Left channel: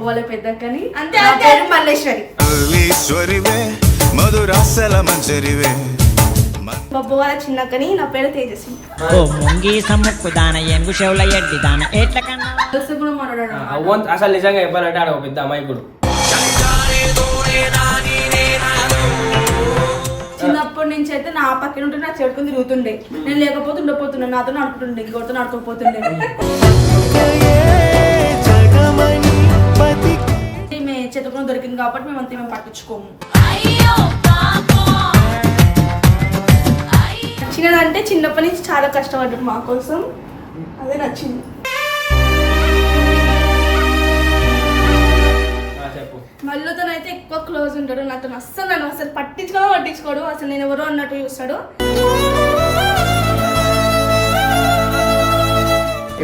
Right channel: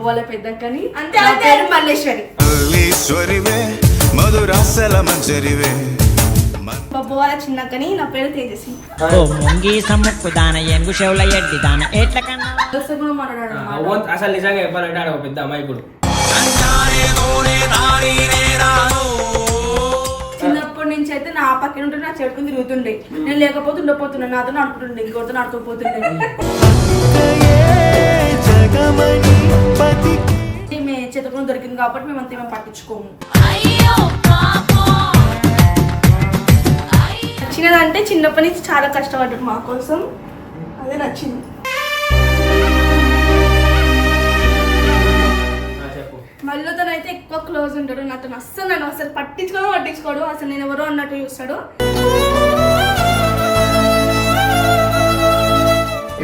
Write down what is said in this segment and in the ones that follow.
వాళ్ళ పెద్దక్కని అంతే నా పేరు మల్లేశ్వరి మధురాసల మంజరివే బొబ్బు వాళ్ళ చిన్నక్కని నా పేరు తేజస్వి ఓ ముంగి సమ్ముక్కు దాన ఏనుగు చెవుల ఎడ్డి దాన ఎట్ల కన్నా అసలు నిజంగా చెప్పాలంటే ఆడ ఒక పెద్ద అమాయకుడు. చిన్నప్పటి నుంచి అయితే నా పక్కన ఉంటే నా చెడుకుని తిరుగుతుండే, నేను లేకపోతే ఉండపోతుండే, నాతో ఆడుకుంటుండే, ఇంకోటితో ఆడుకోపోతుండే. మేము చెత్తకుని దొరికింది కాబట్టి మేము అంతా మేము పట్టించుకోము. నచ్చినదంటే చిన్నప్పటి నుంచి చాలా కష్టపడ్డాడు మా కోసం, అదే నచ్చింది. మళ్ళీతో అయితే ఎక్కువ క్లోజ్ ఉంటాడు నాతో, అస్సలు నన్ను అసలు పట్టించుకోడు, అసలు నేను ఎవరో అన్నట్టు చూస్తాడు.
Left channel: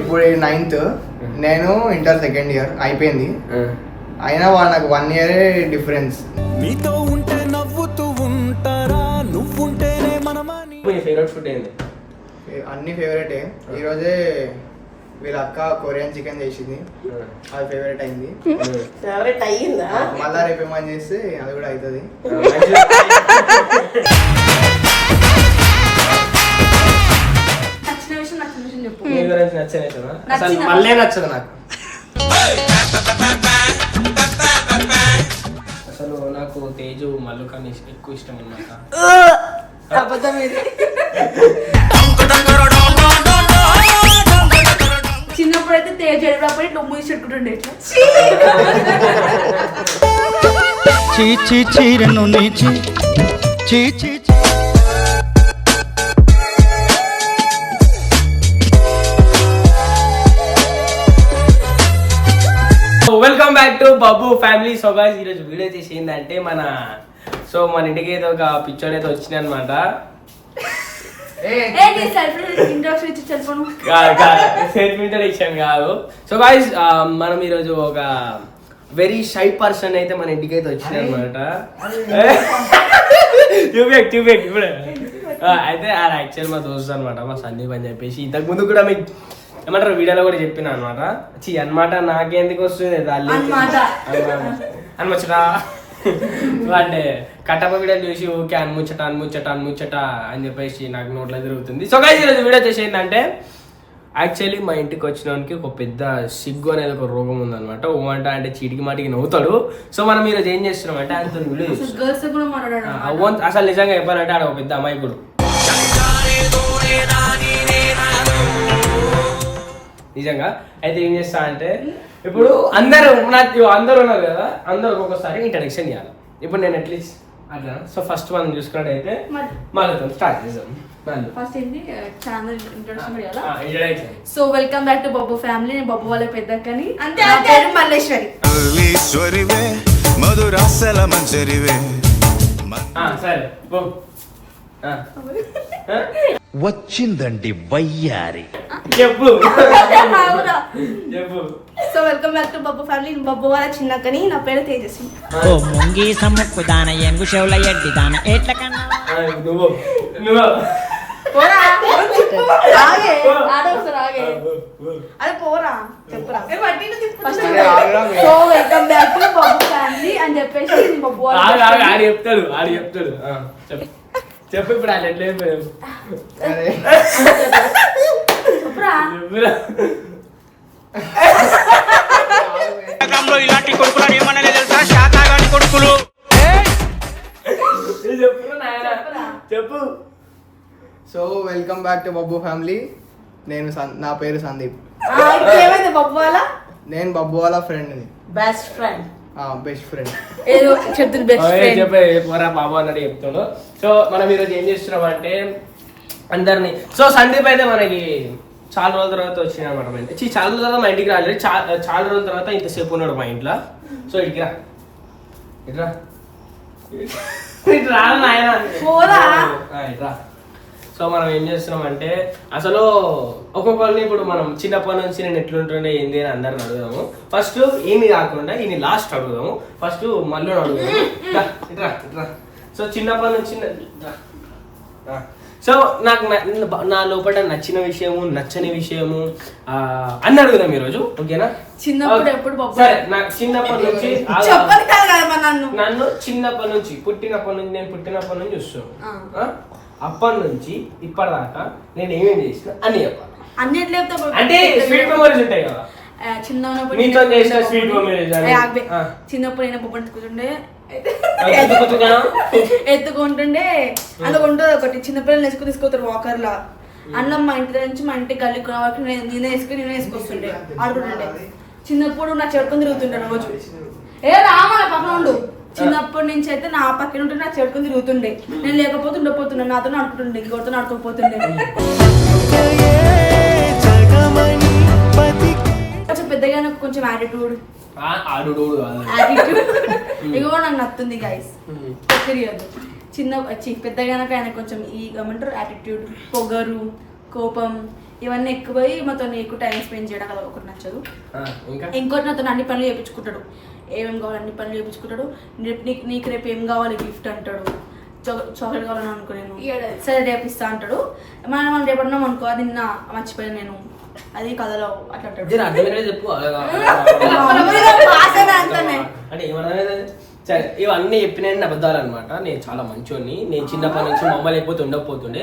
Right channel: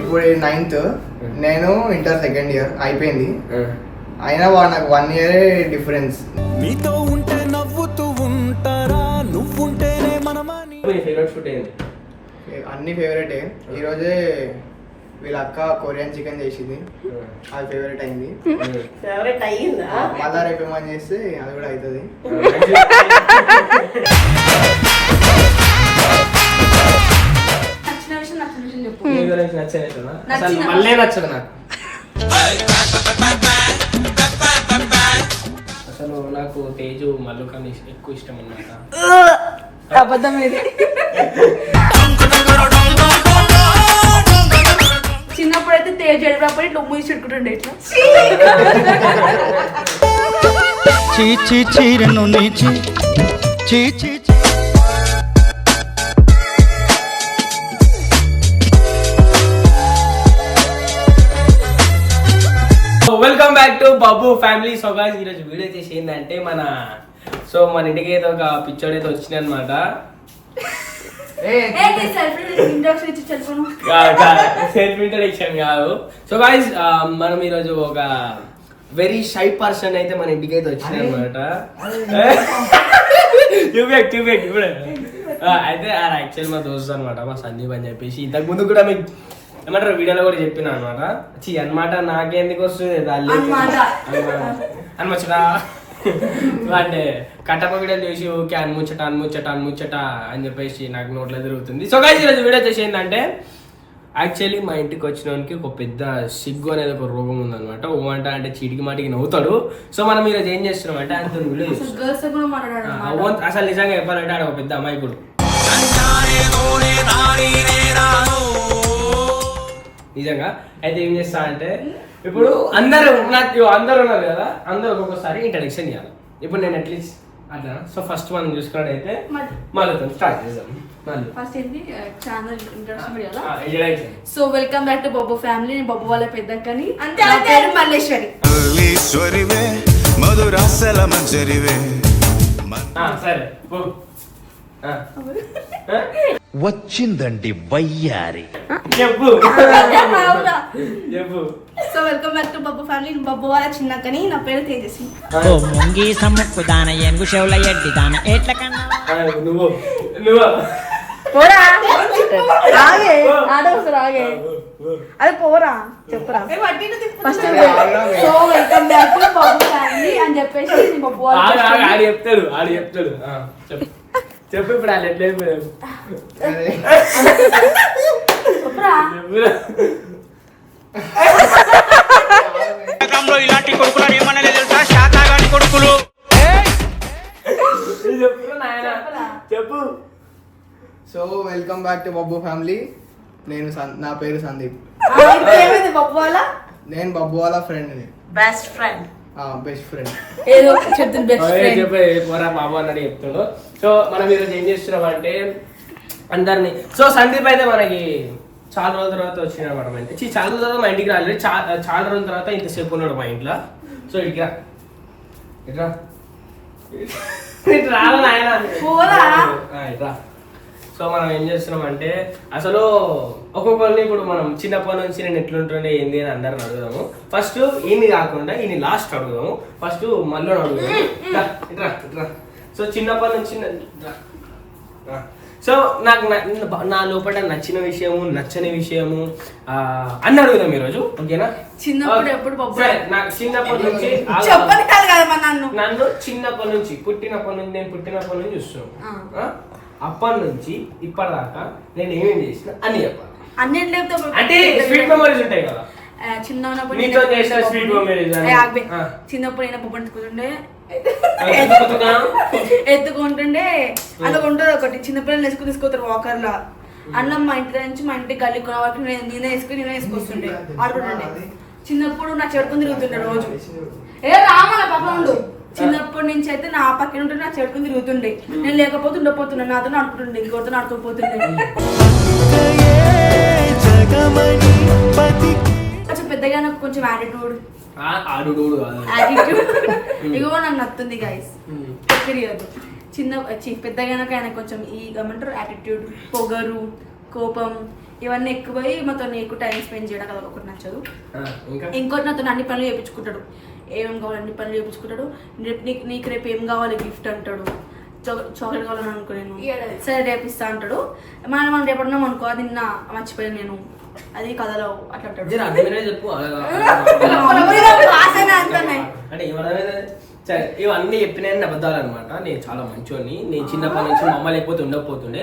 ఇప్పుడు 9th, నేను ఇంటర్ సెకండ్ ఇయర్ అయిపోయింది. అయినా వాడు నాకు 1 year డిఫరెన్స్. మీతో ఉంటే నవ్వుతూ ఉంటారా, నువ్వుంటేనే మనమని. ఫేవరెట్ ఫుడ్ ఏంది? అన్ని ఫేవరెటే. ఈరోజే వీళ్ళ అక్క కొరియన్ చికెన్ చేసింది, అది ఫేవరెట్ అయింది. మళ్ళా రేపు ఏమని చేస్తే అది కూడా అవుతుంది. నచ్చిన విషయం చెప్పు. మళ్ళీ నచ్చదు నాకు. అసలు నాకు తేజు మల్లు కానీ ఎక్కువ ఇష్టం అన్నమాట. అబద్ధం ఇది. చిన్నప్పుడైతే తేజు ఎడినప్పుడు ఇట్లా మూసి పెట్టుకుంటుండే ఇట్లా. చీరను నీచి చీ welcome back to Babu family. So guys ఈరోజు వీడియో చేసి ఏంటంటే మన ఇంటికి ఏదో ఒక పిచ్చోడు అయితే వచ్చింది అనమాట. సెల్ఫ్ ఇంట్రడక్షన్ కాదు. సో గైస్ మనం ఈరోజు ఒక వెరీ షై పర్సన్ అయితే మన ఇంటికి అయితే వచ్చింది అనమాట. చూపేక్ ఇప్పుడు అయితే అది యాక్చువల్ మా దోస్తు అనమాట, మా సందీప్ అని చెప్పేసి. ఇంతకు ముందు కూడా మీకు ఏమంటారు వీడియోలో కూడా చెప్పిన అనమాట. అనమాట నాకెందుకు వస్తుంది అనమచ్చట అంటే కట్టప వీడియోలు చూసి ఓకే అన్ముచ్చట అని చెప్పేసి నాకు నోట్లో తిరుగుతుంది. సో గైస్ ఈరోజు వీడియో చేసి ఏంటంటే యాక్చువల్లీ మా ఇంటికి వచ్చినోనికి ఒక పెద్ద సిగ్గు అనేది ఒక రోగం ఉందన్నమాట. అంటే చీటికి మాటికి నవ్వుతాడు. సో మనం ఈరోజు ఏం చేస్తున్నాం అంటే ఆయనతో వీడియో చేస్తున్నాం. అసలు నిజంగా చెప్పాలంటే ఆడ ఒక పెద్ద అమాయకుడు. నిజంగా అయితే ఏం చేస్తా అంటే ఇప్పుడు అందరూ ఉన్నారు కదా, అందరూ ఒక్కొక్కసారి ఇంట్రడక్షన్ ఇవ్వాలి. ఇప్పుడు నేను అట్లీస్ట్ అట్లా. సో ఫస్ట్ మనం చూసుకున్నట్టయితే మళ్ళీ స్టార్ట్ చేద్దాం. So welcome back to Bobbu family. నేను బొబ్బు వాళ్ళ పెద్దక్కని అంతే నా పేరు మల్లేశ్వరి మధురాసల మంజరివే. సరే వచ్చిందండి వయ్యారి, చెప్పు. So welcome back to Bobbu family. Bobbu వాళ్ళ చిన్నక్కని నా పేరు తేజస్వి. ఓ ముంగి సమ్ముక్కు దాన ఏనుగు చెవుల ఎడ్డి దాన ఎట్ల కన్నా నువ్వు అది పోరా చెప్పురా. So welcome back to Bobbu family అని చెప్పేసి బొబ్బు ఆడు చెప్తాడు. చెప్పు ఇప్పుడు వాళ్ళు ఎట్లా ఇలాంటి కొడుకులు ఏమన్నా తెలుసా, శాతాగాని కొడుకులు. చెప్పు. So welcome back to Bobbu family. నా పేరు సందీప్. బొబ్బు వాళ్ళ నేను బొబ్బు వాళ్ళ ఫ్రెండ్, బెస్ట్ ఫ్రెండ్. పోరా బాబు అన్నట్టు చెప్తుండు. సో మనం ఈరోజు ఏం చేస్తున్నాం అంటే అందరినీ. సో సందీప్ అయితే మనకి చాలా రోజుల తర్వాత వచ్చింది అనమాట. మా ఇంటికి చాలా రోజుల తర్వాత మా ఇంటికి రాలేదు, చాలా రోజుల తర్వాత ఇంతసేపు ఉన్నాడు మా ఇంట్లో. సో ఇట్లా రాను ఆయన ఇట్లా. సో మనం ఏం చేస్తున్నాం అంటే అసలు ఒక్కొక్కరిని ఇప్పుడు మనం చిన్నప్పటి నుంచి నేను ఎట్లుంటుండే ఏంది అని అందరిని అడుగుదాము. ఫస్ట్ ఈయన్ని కాకుండా ఈయన లాస్ట్ అడుగుదాము. ఫస్ట్ మళ్ళీ అడుగుదాము. ఇట్రా. సో చిన్నప్పటి నుంచి సో నాకు నా లోపల నచ్చిన విషయము నచ్చని విషయము అన్ని అడుగుదాం ఈరోజు, ఓకేనా? చిన్నప్పుడు ఎప్పుడు పప్పు సరే, నాకు చిన్నప్పటి నుంచి చెప్పని కాదు కదా నన్ను చిన్నప్పటి నుంచి నేను పుట్టినప్పటి నుంచి చూస్తున్నాను. అప్పటి నుంచి ఇప్పటిదాకా నేను ఏమేమి చేసిన అన్ని చెప్పాలి. అన్నిట్లో అంటే స్వీట్ మెమరీస్ ఉంటాయి కదా, చిన్నప్పుడు నీతో చేసిన స్వీట్ మెమరీస్. చిన్నప్పుడు అయినా పప్పు ఎత్తుకుంటుండే ఎత్తుకుంటుండే అలా ఉంటుంది ఒకటి. చిన్నపిల్లలు వేసుకుని తీసుకొస్తారు వాకర్ లా. అన్నం మా ఇంటి నుంచి మా ఇంటికి గల్లి కొన వరకు నేనే వేసుకొస్తుండే ఆడుకుంటుండే. చిన్నప్పుడు నా చెడుకొని తిరుగుతుండే రోజు. రామల పక్కన ఉండు. చిన్నప్పటి నుంచి అయితే నా పక్కన ఉంటే నా చెడుకొని తిరుగుతుండే. నేను లేకపోతే ఉండపోతుండే, నాతో ఆడుకుంటుండే, ఇంకోటితో ఆడుకోపోతుండే. కొంచెం పెద్దగా నాకు కొంచెం యాటిట్యూడ్ ఇగో నాకు నచ్చుతుంది గైస్, తెలియదు. పెద్దగా ఆయన కొంచెం ఈ ఏమంటారు యాటిట్యూడ్, పొగరు, కోపం ఇవన్నీ ఎక్కువై మాతో ఎక్కువ టైం స్పెండ్ చేయడం కదా ఒకటి నచ్చదు. ఇంకోటి నాతో అన్ని పనులు చేయించుకుంటాడు. ఏమేమి కావాలి అన్ని పనులు చేయించుకుంటాడు. నీకు రేపు ఏం కావాలి గిఫ్ట్ అంటాడు. చాక్లెట్ కావాలని అనుకో, నేను సరే రేపు ఇస్తా అంటాడు. మనం రేపడున్నాం అనుకో, అది నిన్న మర్చిపోయాను నేను, అది కథలో అట్లా అంటాడు. ఇవన్నీ చెప్పిన అబద్ధాలు అనమాట. నేను చాలా మంచోని. నేను చిన్నప్పటి నుంచి మా అమ్మ లేకపోతే ఉండకపోతుండే.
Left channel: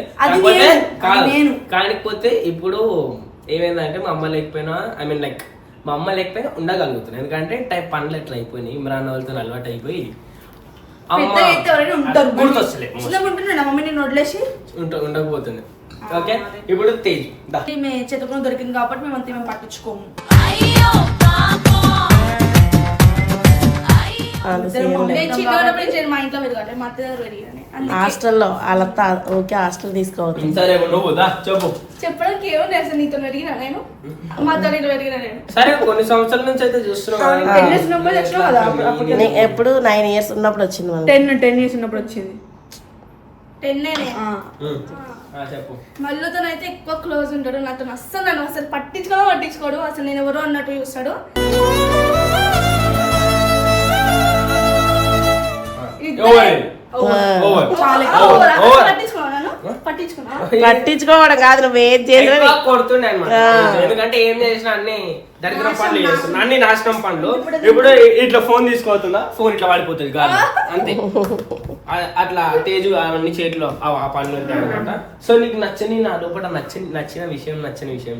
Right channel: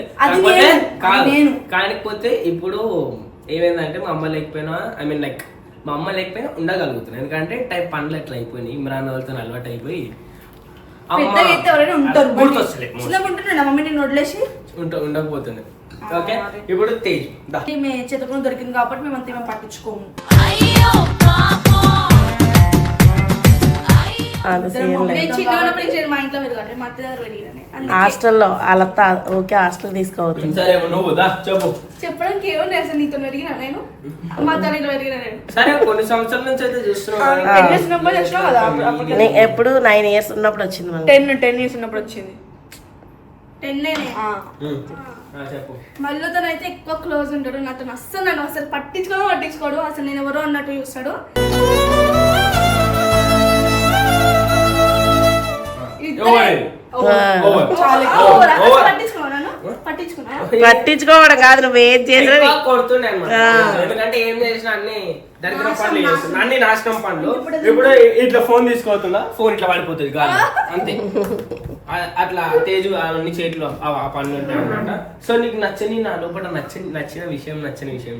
కాకపోతే ఇప్పుడు ఏమైందంటే మా అమ్మ లేకపోయినా లైక్ మా అమ్మ లేకపోయినా ఉండగలుగుతున్నాను. ఎందుకంటే టైప్ పనులు ఎట్లా అయిపోయినాయి, ఇమ్రాన్ వాళ్ళతో అలవాటు అయిపోయి ఉండకపోతుంది. ఓకే, ఇప్పుడు తేజ్ చేతకుని దొరికింది కాబట్టి మేమంతా మేము పట్టించుకోము. హాస్టల్లో వాళ్ళ ఓకే హాస్టల్ తీసుకోవచ్చు. చెప్పడానికి ఏమో అసలు నీతో పెరిగినా నేను, మాతో పెరిగినా నేను. సరే, కొన్ని సంవత్సరాల నుంచి అయితే చూస్తున్నాం. ఎప్పుడు 9 years ఉన్నప్పుడు వచ్చింది. 10 years ఉన్నప్పుడు వచ్చింది. 10 మళ్ళీతో అయితే ఎక్కువ క్లోజ్ ఉంటాడు. నాతో నన్ను అసలు పట్టించుకోడు. అసలు నేను ఎవరో అన్నట్టు చూస్తాడు. పట్టించుకోవడం కాదు, నువ్వు ఏం చేసినా కొడుతుండే అనమాట. ఎందుకంటే ఏం చేసినా అన్ని దరిద్రం పనులు చేస్తున్నా, అన్ని నాశనం పనులు. ఇప్పుడు ఇట్లా ఫోన్ తీసుకోతుందా, ఫోన్ ఇట్లా పడిపోతుంది గాలి, అంతే. అట్లా తేజు అవన్నీ చేతిలో ఆ పనులు ఉంటాయి అనమాట. సో నీకు నచ్చని, నా లోపల నచ్చిన విషయం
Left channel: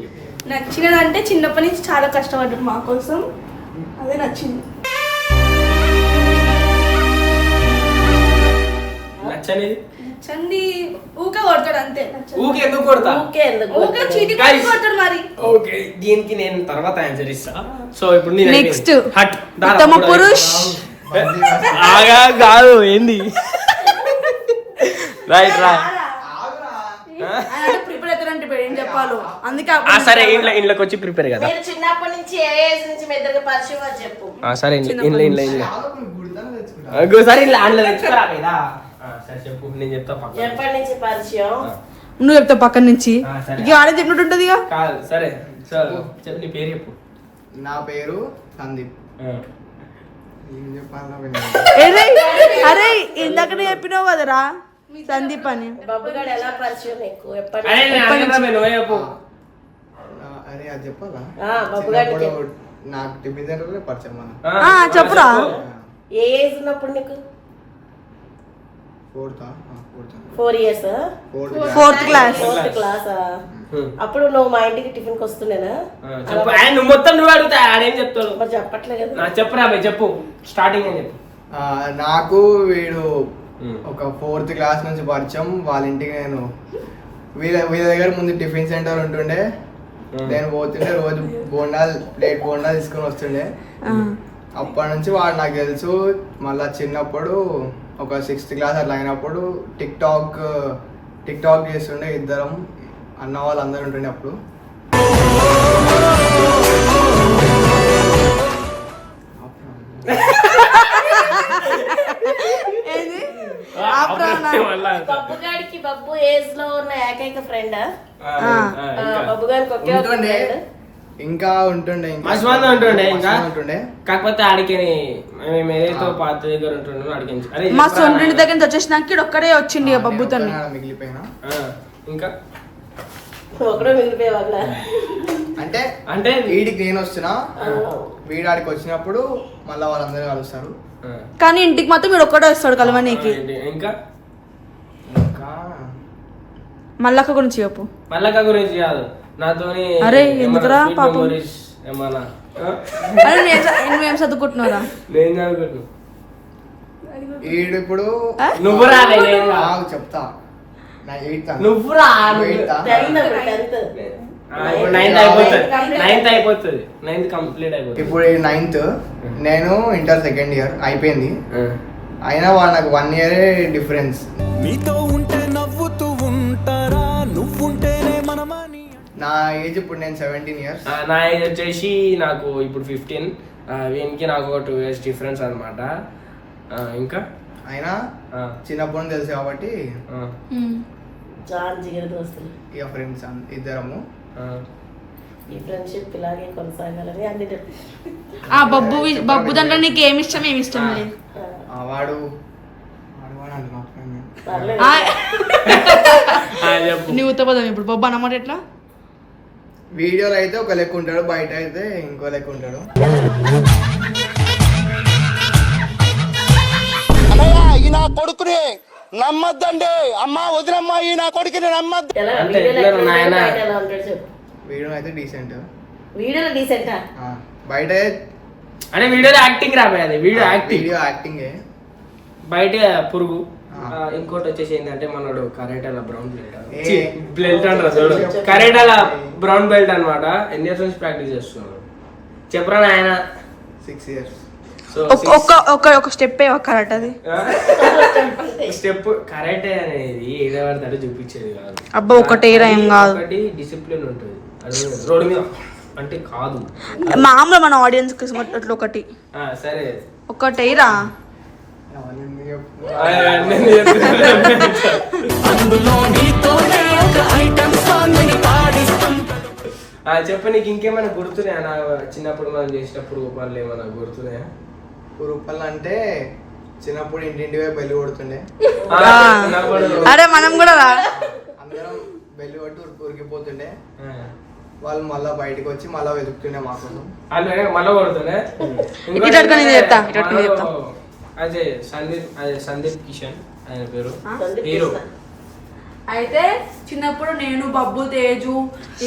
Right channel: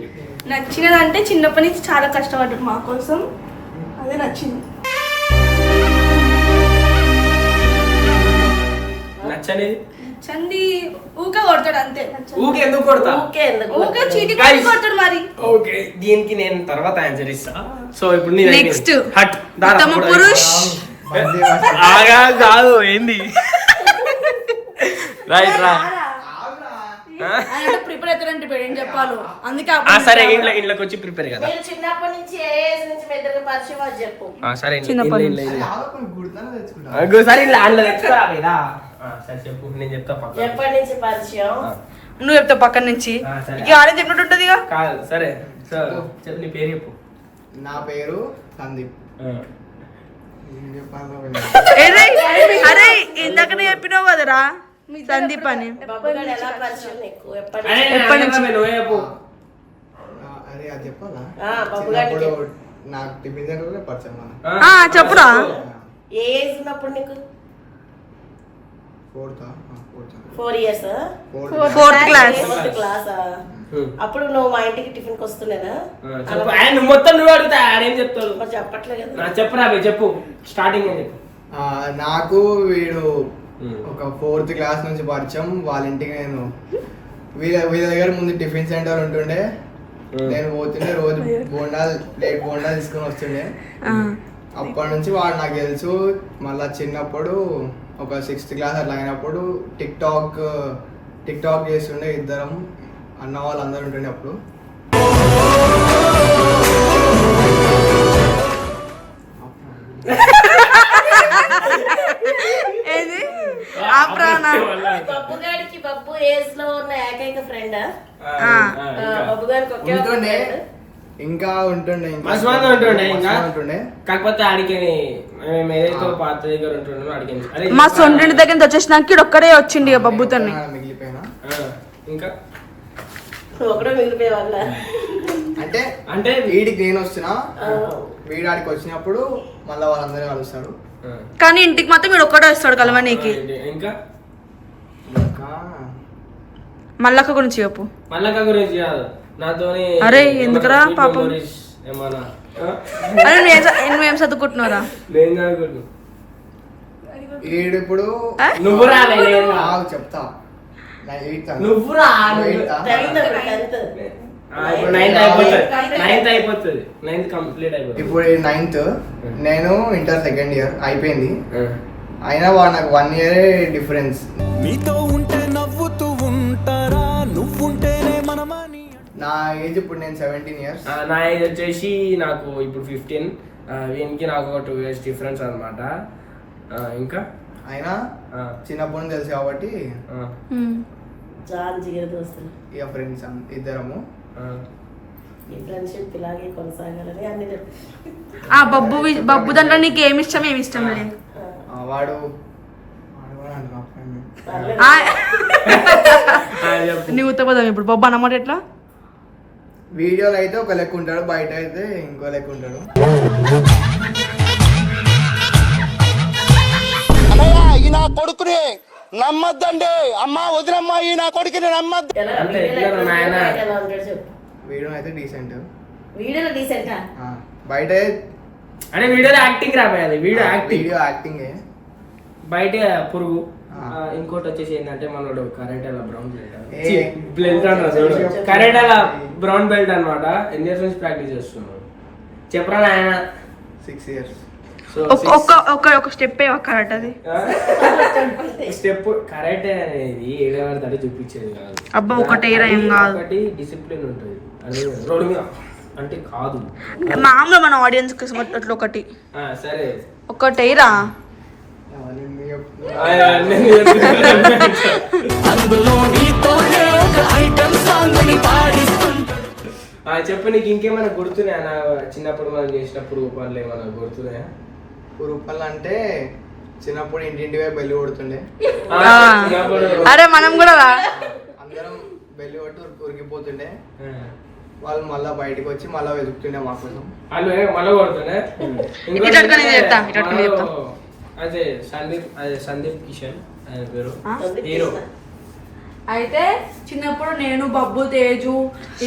చెప్పి. నచ్చినదంటే చిన్నప్పటి నుంచి చాలా కష్టపడ్డాడు మా కోసం, అదే నచ్చింది. నచ్చనేది చంది ఊకే కొడతాడు అంతే. ఊకే ఎందుకు కొడతా? ఊకే చీటీ కొడతాడు మరి. ఓకే, దీనికి నేను తర్వాత ఆన్సర్ ఇస్తా. సో ఇప్పుడు నెక్స్ట్ ఉత్తమ పురుష్ ఆగా కాదు ఏంది రైట్ రా ప్రిపేర్ అవుతారంటే ఏం చెప్పాలో, అందుకే సరే ఇంట్లోకి వచ్చి ప్రిపేర్ కదా. చిన్నప్పటి నుంచి ఏ ఏజ్ నుంచి మీ ఇద్దరికి పరిచయం చెప్పు. సరే సరే ఆన్లో తెచ్చుకోరా. సరే చెప్పు, నేను చెప్తా. ఎప్పటి నుంచి పరిచయం నువ్వు చెప్తావు పక్కన నుంచి. చెప్పినట్టుంటది కాదు. సరే చెప్పు, నీ పేరు చెప్పు. నా పేరు సందీప్. అరే ఇందాక చెప్పినావు కదరా సందీప్ అని. ఎలా పరిచయం నీకు? అరే అది చెప్పాలా? నాకు టిఫిన్ సెంటర్ పరిచయం. చెప్పురా. ఏ ఏజ్ ఉన్నప్పుడు నీకు? 4 years. 4th class. అప్పుడు నువ్వు మా ఇంటికి టిఫిన్ కి వస్తుండేనా? మొత్తం నువ్వు అడుగుతా ఆడేం చెప్తాడు చెప్పట్లేదు. చెప్పురా చెప్పు, స్టార్టింగ్ అని చెప్పు. నాకు వీడు ఒక 4th class నుంచి పరిచయం. వాళ్ళ ఇంటికి నేను వీళ్ళ దగ్గర ముందు టిఫిన్ సెంటర్ ఉంటుండే. నేను పోతుండే, రోజు ప్లేట్ బోండాలు తీసుకొని వస్తుండే. అప్పటి నుంచి వాడు నాకు తెలుసు. మళ్ళా చిన్నప్పుడు ఒక 6th class అట్లా అయినప్పుడు టిక్ టాక్ చేస్తుండే. ఇద్దరం అన్న వాళ్ళు అందరు ఉంటుండే అప్పుడు. బబ్బుగాడికి బబ్బు ఏజ్ లో ఉన్న ఏకైక ఫ్రెండ్ బబ్బు గారికి ఒకే ఇంకా ఉంటుండే కాకపోతే ఆడికి ఏదైతే పాత దగ్గర ఉంటుండే మా సొంటి దగ్గర నుంచి వచ్చేసినాక ఒక్కడే వచ్చిండి బబ్బుతో మిగిలిపోయినా. ఇంకా ఒకటే మిగిలిపోయే వాళ్ళ అంటే అంటే వీడికి నేను వస్తున్నా, వీడాడికి వచ్చినప్పుడు మళ్ళీ వాళ్ళందరూ కలుస్తారు. కానీ ఇంటికి మాత్రం వీడు ఒక్కడే వస్తాడు కలవనీకి. ఇంకా ఇంకా మల్లక్క గురించి చెప్పు. మల్లక్క గురించి కాదు, నాతోని అరే, ఎందుకురా ఏమన్నా sweet పాపం? memories ఏమన్నా అరే నువ్వేం చదువుకుంటున్నారా? నేను చదువుకుంటున్నా. వీడు ఇప్పుడు నువ్వు రా, నేను రా. ఆగు చెప్తా. నా ఎయిత్ అన్న. నువ్వు రా. నువ్వు ఎయితా? ఇప్పుడు 9th అయిపోతుంది, 9th అయిపోతుంది, 9th కంప్లీట్ అయిపోతుంది. ఇప్పుడు 9th, నేను ఇంటర్ సెకండ్ ఇయర్ అయిపోయింది. అయినా వాడు నాకు 1 ఇయరే డిఫరెన్స్. నీతో ఉంటే నవ్వుతూ ఉంటారా నువ్వుంటేనే మనమని. నా ఏజ్ ఇప్పుడు నేను 17 ఇయర్స్. నా ఏజ్ వచ్చేసి నాకు ఇప్పుడు 15. వీనికి నాకు ఒక 2 years డిఫరెన్స్ అనమాట. ఇంకా అయినా చిన్నప్పటి నుంచి తెలుసు కాబట్టి చాలా జిగర దోస్తులు. ఇక ఫ్రెండ్స్ ఇద్దరము. ఈ ఫ్రెండ్షిప్ ఇలాగే కొనసాగాలని అన్ని ఆ బబ్బు దాంట్లో నీకు ఏమి ఇష్టం ఏమి ఇష్టం లేదు? వాడు అంటున్నా friend. నీ ఉత్తపదం ఇప్పుడు బొబ్బు అన్నమాట ఎట్లా? వీడియోలో అయితే ఒక లెక్క ఉంటాడు, బయట అయితే ఇంకో లెక్క ఉంటాడు. ఈ నా కొడుకుని నమ్మద్దండి అమ్మా, వదినమ్మా, ఈ నా కొడుకుని నమ్మద్దు. అంటే ఎట్లా నాయనా? ఎలా ఉంటాడు చెప్పు. వీడియో అయితే డీసెంట్, వీడియోలో డీసెంటా? బయట అంటే వీడియోలో యాక్టింగ్ రాబోయేది, వీడియో యాక్టింగ్, వీడియో యాక్టింగే. బయట పురుగు. ఇంకోటి వచ్చేసి ఏంటంటే మనోడు కరాటేలా బ్రౌన్ ఏ. బెల్ట్ అంటారు చూడు, కరాటేలా బ్రౌన్ బెల్ట్ అనమాట. ఎన్ని ఇయర్స్ నుంచి ప్రాక్టీస్ చేస్తున్నాడు చెప్పరా నాయన? 6 years. సో ఒక స్టెప్ కరెక్ట్ అది. స్టెప్ కరాటే అనేది ఏదో పడతాడో చూపించేది కాదు. అబ్బా ఒకటే ఏం కాదు, ఒకటి డిసిప్లిన్ ఉంటుంది. అది రోడ్డు మీద అంటే కాదు, మామూలు మన ఆడియన్స్ అట్లా ఒకటి సరే ఒకటేరా. చెప్పు, నీకు ఇంకేమైనా గుర్తున్నాయా? నా చిన్నప్పుడు మనం చేసినప్పుడు పనులు ఏమైనా గుర్తున్నాయా? రూపాయలు అంటే చిన్నప్పుడు ఇంటింటి వైపు బెల్లి కొడుతుండే. అరే మనం కూడా రా. అందరం బెల్లి కొట్టి ఉరికిపోతుండే. వాళ్ళు మళ్ళా బయటకు వచ్చి మళ్ళా వెతుకుతుండే మా కోసం. వాళ్ళు మళ్ళీ కొడుతుండే. అదే సందీప్ కిషన్ ఆయన పేరు, హీరో. అయితే చిన్నప్పుడు నేను బబ్బు తేజు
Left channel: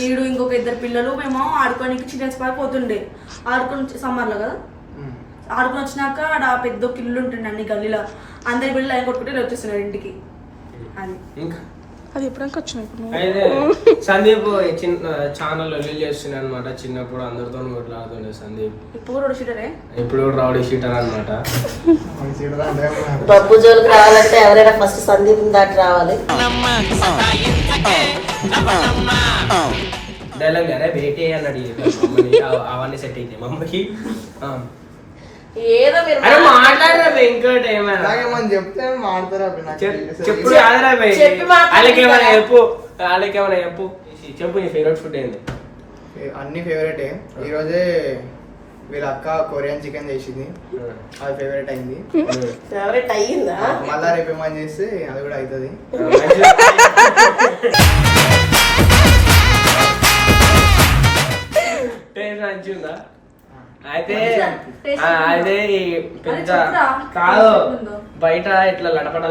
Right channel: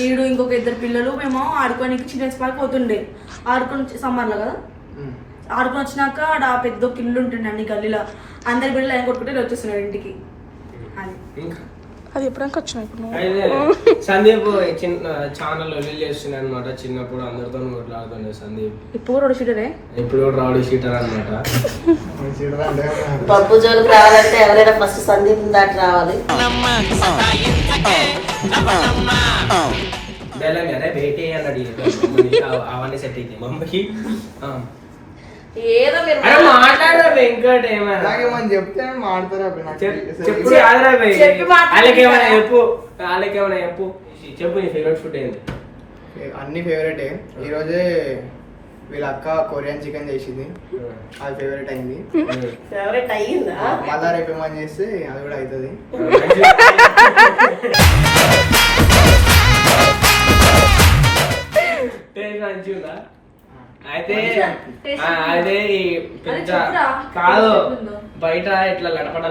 ఈడు ఇంకొక 2 పిల్లలు మేము ఆడుకోనికి చిల్డ్రన్స్ పార్క్ పోతుండే. ఆడుకొని సమ్మర్లో కదా, ఆడుకొని వచ్చినాక ఆడ పెద్ద ఒక ఇల్లు ఉంటుండే అన్ని గల్లీలో. అందరి బిడ్డలు ఆయన కొట్టుకుంటే వచ్చేస్తున్నాడు ఇంటికి. అది ఇంకా అది ఎప్పుడంకా వచ్చినా ఇప్పుడు అయితే సందీప్ ఛానల్ రిలీజ్ చేస్తుండే అనమాట. చిన్నప్పుడు అందరితో కొట్లాడుతుండే సందీప్. ఇప్పుడు కూడా షూటరే, ఇప్పుడు రౌడీ షీటర్ అనమాట. బబ్బు జోలికి రావాలంటే ఎవరైనా ఫస్ట్ సందీప్ దాటి రావాలి. డైలాగ్ అరే బేటే అన్నాడు అవన్నీ సెట్ అయితే మమ్మకి. ఏదో మీరు అరే మాట్లాడరా వెంకట్, ఏమైనా అలాగే మనం చెప్తే మాడతారా? చెప్పు కాదురా బే. చెప్పి మాట్లాడు. వాళ్ళకేమైనా చెప్పు, వాళ్ళకేమైనా చెప్పు. చెప్పు నీ ఫేవరెట్ ఫుడ్ ఏంది? అన్ని ఫేవరెటే. ఈరోజే వీళ్ళ అక్క కొరియన్ చికెన్ చేసింది, అది ఫేవరెట్ అయింది. ఫేవరెట్ అయ్యిందా? మళ్ళా రేపు ఏమని చేస్తే అది కూడా అవుతుంది. మంచిగా అయితే అదే పెద్ద కాదు, బయట ఇట్లా లడపడ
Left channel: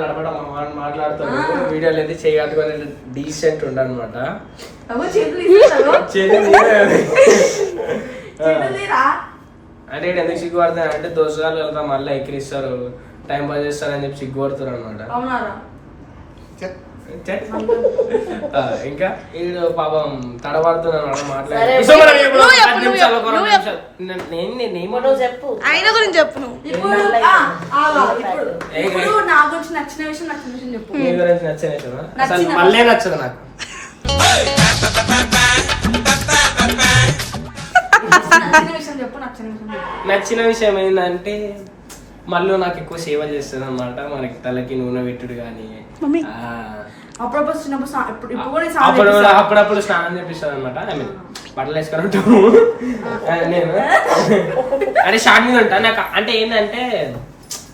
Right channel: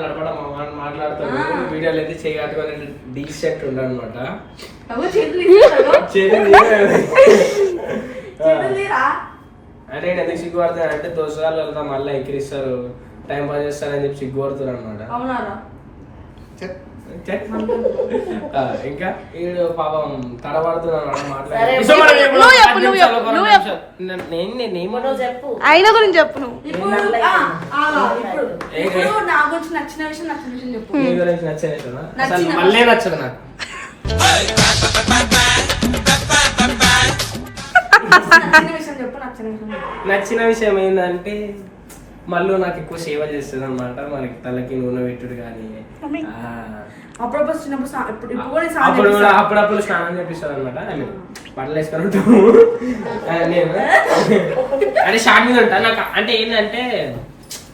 మాట్లాడుతాడు. వీడియోలు అయితే చేయగట్టుకొని డీసెంట్ ఉండనమాట. అంటే ఎందుకు సిగ్గుపడతాను అంటే దోసగాళ్ళు వెళ్తా మళ్ళీ ఎక్కిరిస్తారు, టైం పాస్ చేస్తారని చెప్పి సిగ్గుపడతారు అనమాట. ఇంకా వీడు పాపం తడబడుతున్నాను అయినా గురించి చెప్పు నువ్వు. నా గురించి నచ్చిన విషయం చెప్పు. మళ్ళీ నచ్చదు నాకు. నచ్చిన విషయం ఏంటంటే మళ్ళీ నాకు ఎక్కువ సేవ చేస్తుంది అనమాట. మనకి తలకి నూనె పెట్టుడు కానీ అప్పుడప్పుడు స్నానం చేపిస్తుంది అనమాట. బట్టలు వేసుకొని ఉంటాము నేను అంటే షార్ట్ మీద ఉంటా. నాకు అంటే ఏంటంటే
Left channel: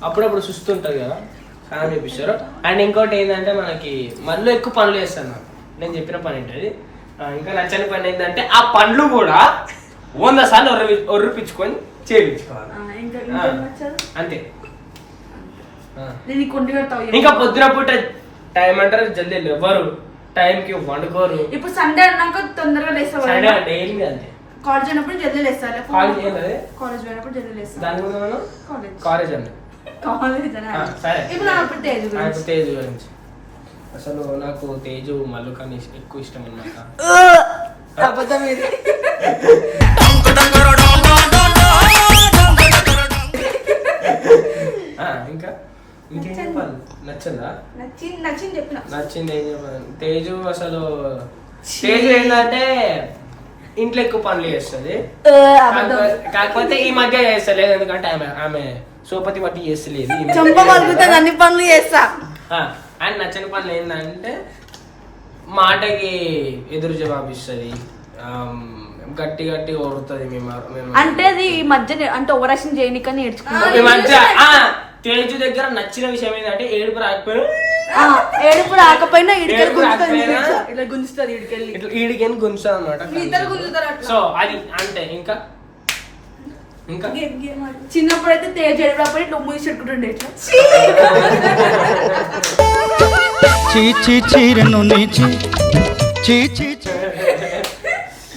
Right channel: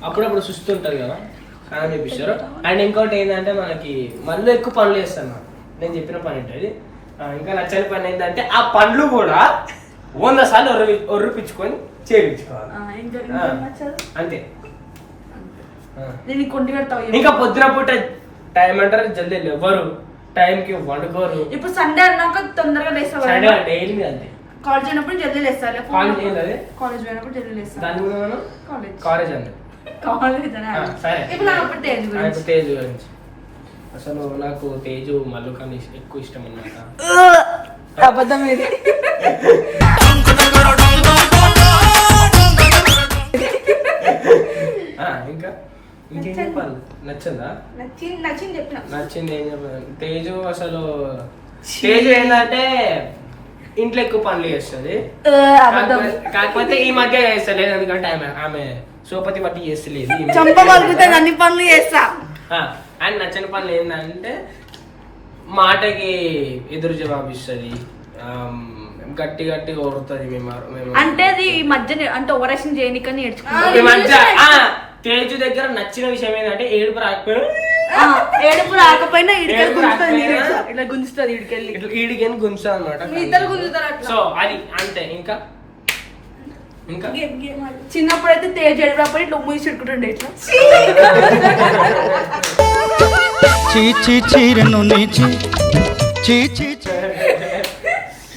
అప్పుడప్పుడు సుస్తుంటది కదా, స్నానం చేపిస్తారు. అండ్ ఇంకోటి ఏంటంటే మనకి మళ్ళీ ఎక్కువ పనులు చేస్తాను. నేను చెప్పిన పని ఏంటది. ఇంకా నచ్చని పని ఏంటంటే ఆ పండ్లు కూడా 100 సార్లు ఒర్రిపించుకొని చేయించుకోవాలి. ఇంకా నచ్చదు అంతే. నేను కొండి కడతావు. ఇంకా పొద్దున పూట టైం అంటారు జల్దీ ఎవరు టైంకి వండుకోరు. ఇప్పుడు సండే అన్నాక తొందరగా లేస్తావు. డైలీ అంతే. కాలేజ్ అయినప్పుడు జల్దీ లేస్తారు. కాలేజ్ పోయినప్పుడు జల్దీ లేస్తారు. దాని గురించి మనం కాలేజ్ అంతే. సరే ఇప్పుడు తేజు గురించి అసలు నాకు తేజు మల్లు కానీ ఎక్కువ ఇష్టం అన్నమాట. అబద్ధం ఇది. ఇంకా ఇంకేం చెప్పాలి? నచ్చిందా? నచ్చింది చెప్పిన. నచ్చింది ఏం చెప్పాలి? తేజు అసలు తేజు ఏంటంటే ఇంట్లో ఎక్కువ పనులు చేస్తుంది. కాకపోతే ఈ మధ్య చేస్తలేదు, ఎందుకంటే ఆమె సోపతి బట్టి చేస్తలేదు. అన్ని పనులు చేస్తా. అండ్ నచ్చని పనులు ఏంటంటే మాటకి ఎదురు జవాబు ఇస్తుంది, గట్టి గట్టిగా ఓడుతుంది. మేము అంటే అది ఈ మధ్య అంటే ఓవరాక్షన్ చేయనికని ఈ మధ్య తేజు దగ్గర నచ్చిన విషయం ఏంటంటే ఏడుపు రాకపోయినా ఇట్లా గుంజుతుంది ఈడికెళ్ళి గుంజుతుంది అనమాట. సో అది అంటే ఇంకా చిన్నప్పుడు అయితే తేజు ఏడుపురాకపోయి ఇట్లా మూసి పెట్టుకుంటుండే ఇట్లా. చీ చీ చీరను నీచి చీ చీ